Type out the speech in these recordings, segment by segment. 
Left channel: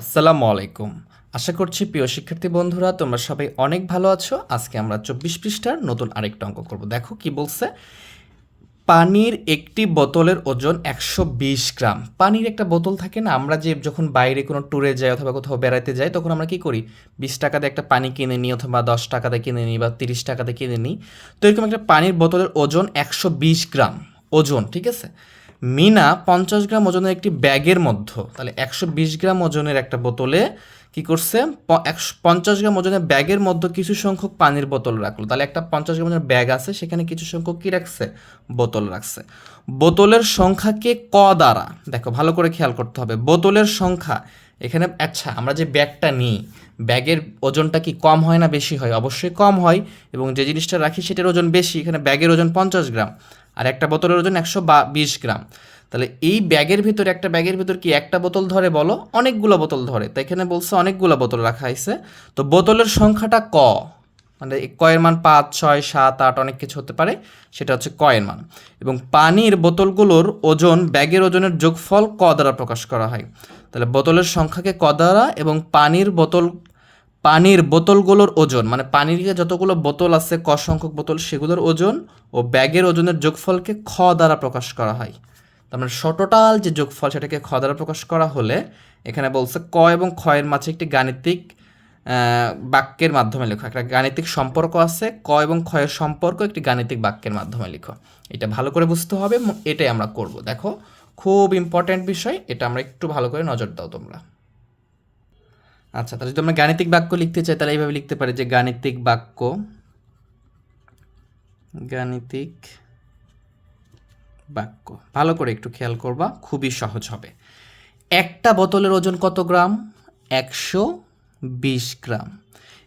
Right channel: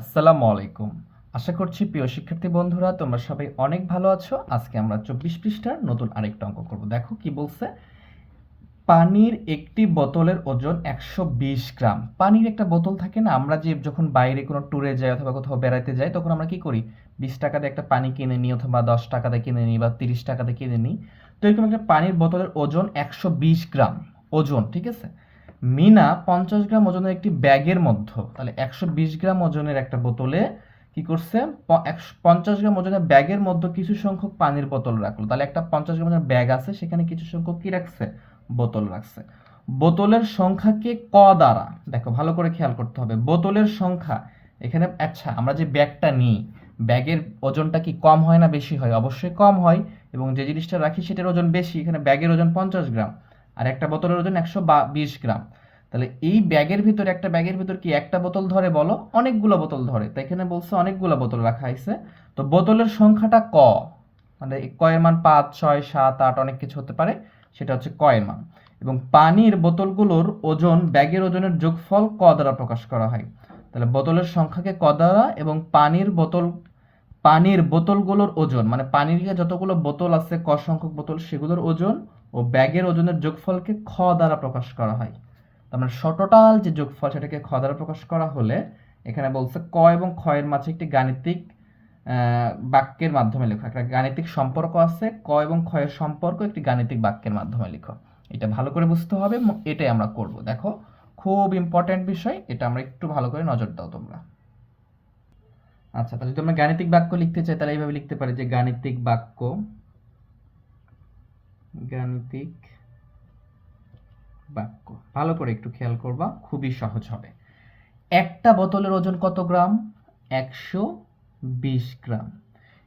আসসালামু আলাইকুম। আশা করছি প্রিয় শিক্ষার্থী বন্ধুরা, তোমরা সবাই অনেক ভালো আছো। আজকে আমরা চব্বিশ পৃষ্ঠার নতুন আরেকটা অঙ্ক করব। দেখো কি বলছে? পানির একটি বোতলের ওজন একশো বিশ গ্রাম। পানির একটা বোতল থাকে না, আমরা যে যখন বাইরে কোনো ট্যুরে যাই অথবা কোথাও বেড়াতে যাই, তখন আমরা কি করি? বিশ টাকাতে একটা পানি কিনে নিই অথবা দশ টাকাতে কিনে নিই বা তিরিশ টাকাতে কিনে নিই। তো এরকম একটা পানির বোতলের ওজন একশো বিশ গ্রাম। ওজন, ঠিক আছে? মিনা পঞ্চাশ গ্রাম ওজনের একটি ব্যাগের মধ্যে, তাহলে একশো বিশ গ্রাম ওজনের একটা বোতলে কি করছে? পঞ্চাশ গ্রাম ওজনের ব্যাগের মধ্যে কিছু সংখ্যক পানির বোতল রাখল। তাহলে একটা পঞ্চাশ গ্রাম ওজনের ব্যাগ আছে, সেখানে কিছু সংখ্যক কি রাখছে? বোতল রাখছে। বোতলের সংখ্যাকে ক দ্বারা? দেখো, ভালো করে খেয়াল করতে হবে। বোতলের সংখ্যা, এখানে আচ্ছা আমরা যে ব্যাগটা নিই, ব্যাগের ওজনটা কি কম হয় না বেশি হয়? অবশ্যই কম হয় এবং যে জিনিসটা রাখি সেটার ওজন বেশি, এখানে ব্যাগের ওজন পঞ্চাশ গ্রাম। আর একটা বোতলের ওজন একশো বিশ গ্রাম। তাহলে এই ব্যাগের ভিতরে, একটা ব্যাগের ভিতর কি একটা বোতল ধরে বলো? অনেকগুলো বোতল ধরে। তাই এখানে বলছে অনেকগুলো বোতল রাখা হয়েছে। তো বোতলের সংখ্যাটা ক? মানে কয়ের মান পাঁচ, ছয়, সাত, আট অনেক কিছু হতে পারে। সেটা হচ্ছে কয়ের মান। এবং পানির বোতলগুলোর ওজন, ব্যাগের ওজনের যোগফল ক দ্বারা প্রকাশ করা হয়। তাহলে বোতলের সংখ্যাকে ক দ্বারা এবং পানির বোতল পানির বোতলগুলোর ওজন মানে পানির যতগুলো বোতল আছে, ক সংখ্যক বোতল, সেগুলোর ওজন ও ব্যাগের ওজনের যোগফলকে খ দ্বারা প্রকাশ করা হয়। তার মানে টোটাল যে যোগফল সেটাকে খ দ্বারা প্রকাশ করা হলে এখানে বলছে ক এবং খ এর মাঝে একটি গাণিতিক বাক্যের মাধ্যমে লেখো। একটা গাণিতিক সম্পর্ক আছে, ক এবং এর সম্পর্ক একটি গাণিতিক বাক্যের মাধ্যমে লিখো। এটা ভালো করে বুঝতে হবে, এটাই আমরা করব। দেখো, খুব ইম্পর্ট্যান্ট বিষয়, এটা আমরা একটু ভালো করে নজর দাও তোমরা। আচ্ছা তাহলে যদি আমরা গাণিতিক বাক্য লিখতে চাই, তাহলে এইভাবে লিখতে পারি যে গাণিতিক বাক্য গাণিতিক বাক্য। ভালো করে একটু খেয়াল করবা, খুবই সহজ হবে। একটা বোতলের ওজন কত গ্রাম? একশো বিশ গ্রাম।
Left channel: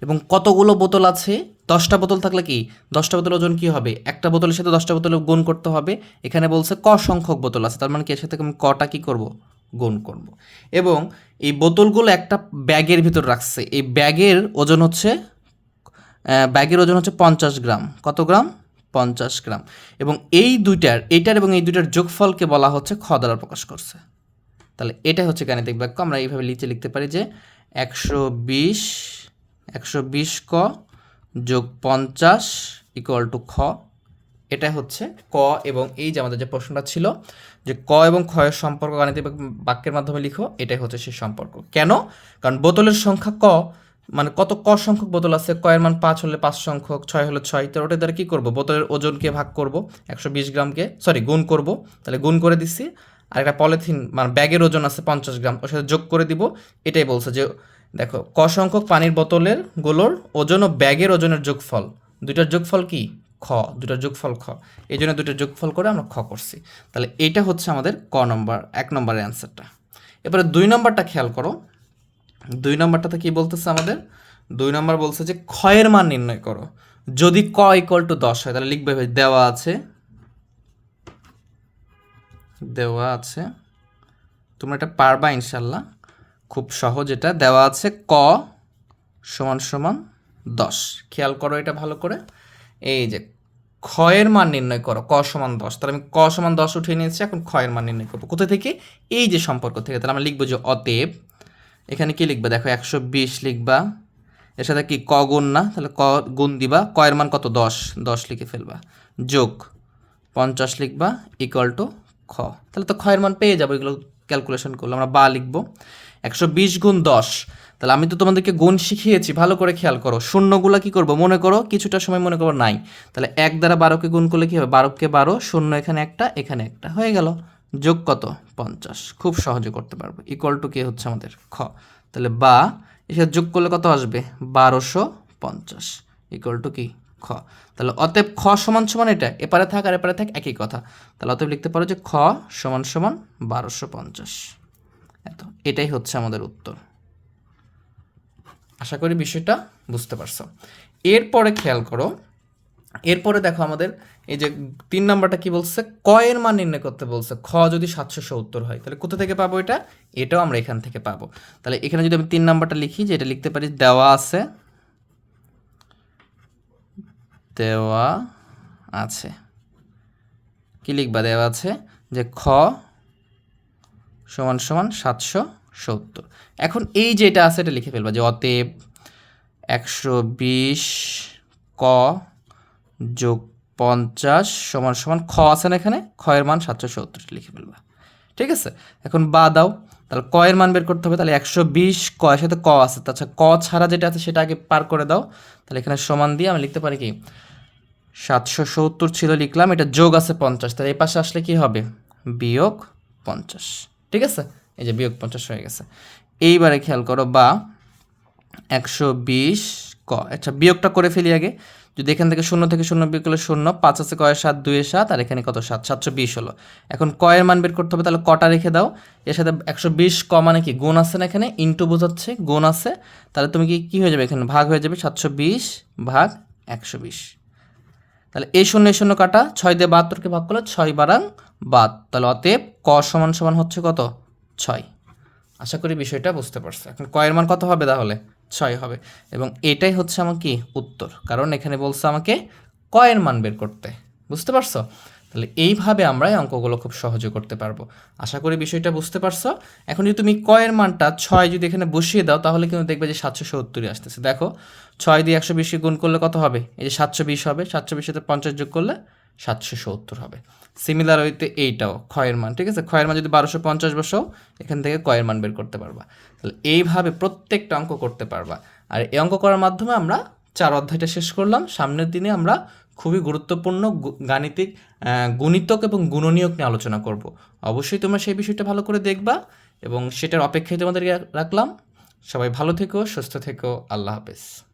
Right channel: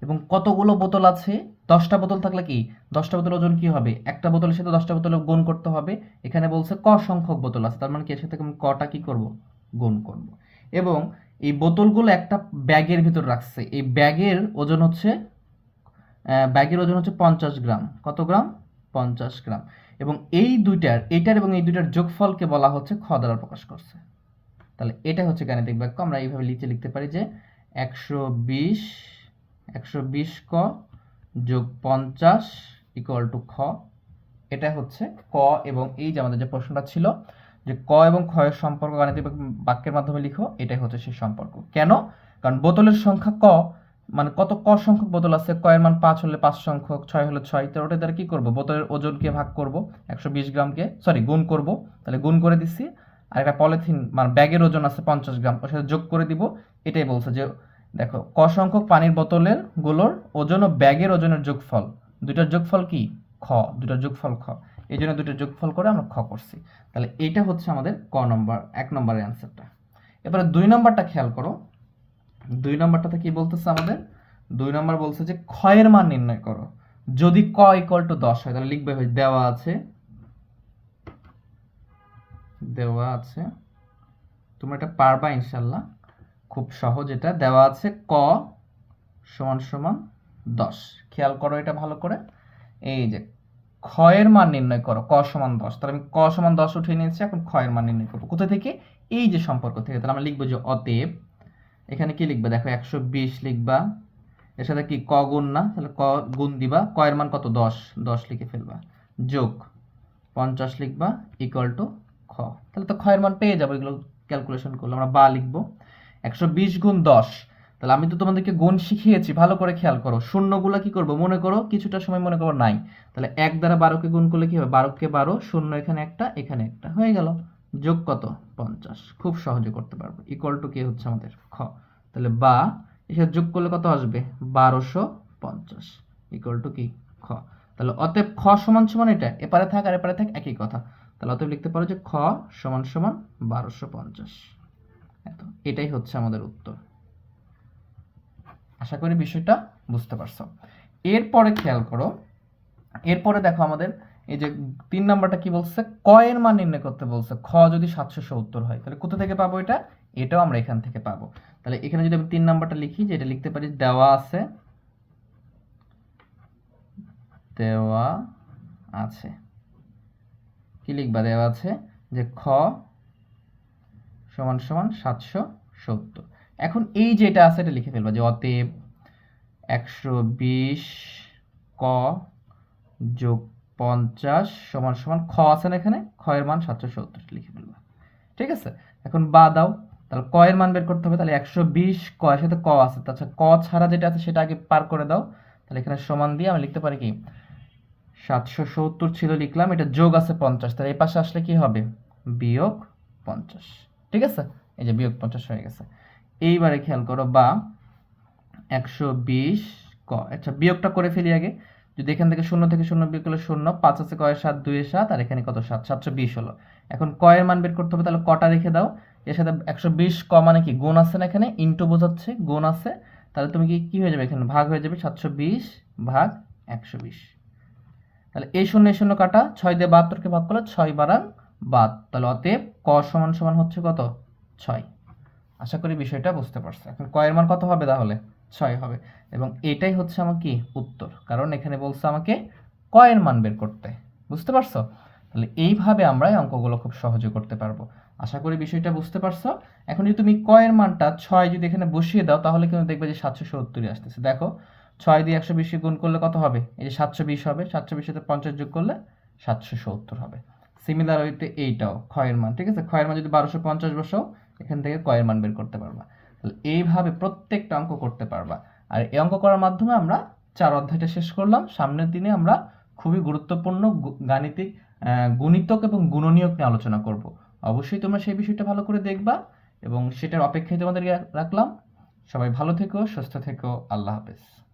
এবং কতগুলো বোতল আছে? দশটা বোতল থাকলে কি? দশটা বোতল ওজন কি হবে? একটা বোতলের সাথে দশটা বোতলে গুণ করতে হবে। এখানে বলছে ক সংখ্যক বোতল আছে, তার মানে কি এর সাথে আমি কটা কি করব? গুণ করব। এবং এই বোতলগুলো একটা ব্যাগের ভিতর রাখছে। এই ব্যাগের ওজন হচ্ছে ব্যাগের ওজন হচ্ছে পঞ্চাশ গ্রাম। কত গ্রাম? পঞ্চাশ গ্রাম। এবং এই দুইটার, এইটার এবং এই দুইটার যোগফলকে বলা হচ্ছে খ দ্বারা প্রকাশ করছে। তাহলে এটাই হচ্ছে গাণিতিক বাক্য। আমরা এইভাবে লিখে লিখতে পারি যে একশো বিশ একশো বিশ ক যোগ পঞ্চাশ ইকুয়াল টু খ। এটাই হচ্ছে ক এবং এই যে আমাদের যে প্রশ্নটা ছিল যে ক এবং এর সম্পর্ক গাণিতিক বাক্যের মাধ্যমে লিখো, এটাই হচ্ছে সেই সম্পর্ক। কেন? কারণ বোতলের সংখ্যা ক মানে কত ক সংখ্যক বোতল আছে, ক এর মান পাঁচ হলে পাঁচ সংখ্যক, ছয় হলে ছয়, তো ওটা দ্বারা কী করব? বোতলের ওজনকে ভাগ করব, একশো বিশ গ্রামকে সরি গুণ করব। তাহলে গুণ করে দিচ্ছি আর একটা পলিথিন মানে ব্যাগের ওজন আছে পঞ্চাশ গ্রাম, ওর সাথে যোগ করে দিব, এটাই বলছে যে, দেখো, ক সংখ্যক পানির বোতলেরগুলোর ওজন ও ব্যাগের ওজনের যোগফল, দুইটার যোগফল কি? খ দুটার যোগফল খ। এই জন্য দুটোর যোগফল করে আমরা খ করছি। তাহলে এইটা হচ্ছে আমাদের ক নম্বর, এক নম্বরের অ্যান্সারটা। এবারে দুই নম্বরটা খেয়াল করো। দুই নম্বরটাতে কি বলতেছে আমাদের? দুই নম্বর বলছে যে, ক্ষয়ের মান নির্ণয় করো। যদি ক ইকুয়াল টু দশ হয়, তাহলে লিখবে ভাই, দেওয়া আছে। দেওয়া আছে। তোমরা এটা পারবা ইনশাল্লাহ খুব সহজ এটা। দেওয়া আছে ক সমান সমান দশ। খেয়াল করো এটা ভালো করে। এই যে, ক্ষয়ের মান নির্ণয় করো, ক সমান দশ। তাহলে আমি ক সমান দশ উঠিয়ে নিয়েছি, এখন ক্ষয়ের মান নির্ণয় করব। কোথা থেকে? এই যে সম্পর্ক থেকে। তাহলে আমরা লিখব যে অতএব, এখানে কি লিখবা? দেখো একশো বিশ লিখবা। এর সাথে কি ক গুণ না? তাহলে ক গুণ দিবা। কয়ের মান কত? দশ। দশ লিখে ফেলবা। যোগ পঞ্চাশ লিখবা ইকুয়াল টু খ। তাহলে তো ক্ষয়ের মান পেয়ে যাব, এগুলো ক্যালকুলেশন করলে। আমরা বা লিখব। একশো বিশ গুণ দশ। তাহলে আমি তো তোমাদেরকে গুণ শিখিয়েছি, ভালো করে খেয়াল করো। শূন্যগুলো কি করব? মনে করো কিছুটা সময় মনে করো নাই। তাহলে এক দ্বারা বারোকে গুণ করলে কী হবে? বারোকে বারো, শূন্য এখানে একটা এখানে একটা। হয়ে গেল। যোগ কত? পঞ্চাশ। খুব সহজে করতে পারব। ইকুয়াল টু কে হচ্ছে আমাদের? খ। তাহলে বা, এসে যোগ করলে কত আসবে? বারোশো পঞ্চাশ। ইকুয়াল টু কি? খ। তাহলে অতএব খ সমান সমান এটা। এপারে থাক আর এপারে থাক একই কথা। তাহলে অতএব লিখতে পারো যে খ সমান সমান বারোশো পঞ্চাশ। এত। এটাই হচ্ছে আমাদের উত্তর। আশা করি বিষয়টা বুঝতে পারছ। এরপরে খেয়াল করো, এরপরে দেখো আমাদের, এই যে তিন নাম্বারটা কি বলছে? কয়ের মান নির্ণয় করতে বলছে, খ যদি সাতশো সত্তর হয়, তাহলে কোথা থেকে পাবো এটা? এটাও আমরা এখান থেকে পাবো। তাহলে এখানে যদি আমি তিন নাম্বারটা লিখি, যে এটা লিখতে পারি, দেওয়া আছে দেওয়া আছে। কি লিখবা? দেওয়া আছে যে খ সমান সমান সাতশো সত্তর এখন এই যে এটা আছে এটা লিখে ফেলবা যে অতএব একশো বিশ ক যোগ পঞ্চাশ সমান সমান খ আছে না এখানে? খয়ের মান সাতশো সত্তর লিখে ফেলবা। ঠিক আছে? এখন বা দাও। তাহলে ক এর মান বের করতে হবে। তাহলে একশো বিশ ক এর সাথে ক আছে। তাছাড়া ক ছাড়া যেটা আছে সেটা আগে পার করে দাও। তাহলে এখানে সমান দিয়ে আমি লিখতে পারি কি? সাতশো সত্তর ছিল লিখলাম। এটা যোগ আছে পঞ্চাশ। তাহলে এই পাশে আসলে কি হবে? বিয়োগ পঞ্চাশ। ঠিক আছে? এই যে বিয়োগ পঞ্চাশ হয়ে গেছে। এইবারে খেয়াল করো বা একশো বিশ ক। আচ্ছা বিয়োগটা করে ফেলি আগে। যদি এখান থেকে শূন্য থেকে শূন্য বিয়োগ করলে শূন্য, পাঁচ আছে কয়ের সাত দুইয়ের সাত, আর এখানে কত? সাত, সাতশো বিশ হলো। এখন কয়ের মান বের করতে হবে, তাহলে কটা রেখে দাও। এর সাথে একশো বিশ ক মানে কি? গুণ আছে না এখানে? ইন্টু বোঝাচ্ছে, গুণ আছে। তাহলে তুমি কি, কী হয়ে যাবে এখানে? ভাগ হয়ে যাবে সাতশো বিশ ভাগ একশো বিশ। তাহলে এই শূন্য এই শূন্য কাটা, ছয় দিয়ে বাহাত্তরকে ভাগ করলে ছয় বারাং বাদ। তাহলে অতএব ক সমান সমান হচ্ছে কত? ছয়। আশা করি বিষয়টা বুঝতে পারছ। এখন কয়ের মান কত হবে তাহলে? ছয় হবে। এবং এটাই হচ্ছে আমার কি? উত্তর। কারণ এখানে বলছে আমাকে কয়ের মান বের করতে। বুঝতে পারছ? তাহলে এইভাবে আমরা এই অঙ্কগুলো খুব সহজে করতে পারব। আশা করি বিষয়টা বুঝতে পারছ? এখন যদি তুমি কয়ের মানটা ছয় যদি এখানে বসিয়ে দাও, তাহলে কিন্তু দেখবে যে সাতশো সত্তরই আসতেছে। দেখো, ছয় দিয়ে একশো বিশকে গুণ করলে কত হবে? এই যে সাতশো বিশ হবে। সাতশো বিশেতে পঞ্চাশ যোগ করলে সাতশো সত্তর হবে। সিমিলার হইতে এইটাও, ক্ষয়ের মান, ঠিক আছে? ক্ষয়ের মান যদি বারোশো পঞ্চাশ বসাও এখান থেকে কয়ের মান বের করতে পারবা। তাহলে এইভাবে প্রত্যেকটা অঙ্ক করতে পারবা। আর এই অঙ্ক করার মাধ্যমে আমরা চার অধ্যায়টা শেষ করলাম। সামনের দিনে আমরা খুবই গুরুত্বপূর্ণ গাণিতিক গুণিতক এবং গুণনীয়ক নিয়ে আলোচনা করব। অবশ্যই তোমরা সেই বিষয়টা ভালো করে দেখবা এবং সেটার অপেক্ষায় তোমাদেরকে রাখলাম। সবাই ভালো থেকো, সুস্থ থেকো। আল্লাহ হাফেজ।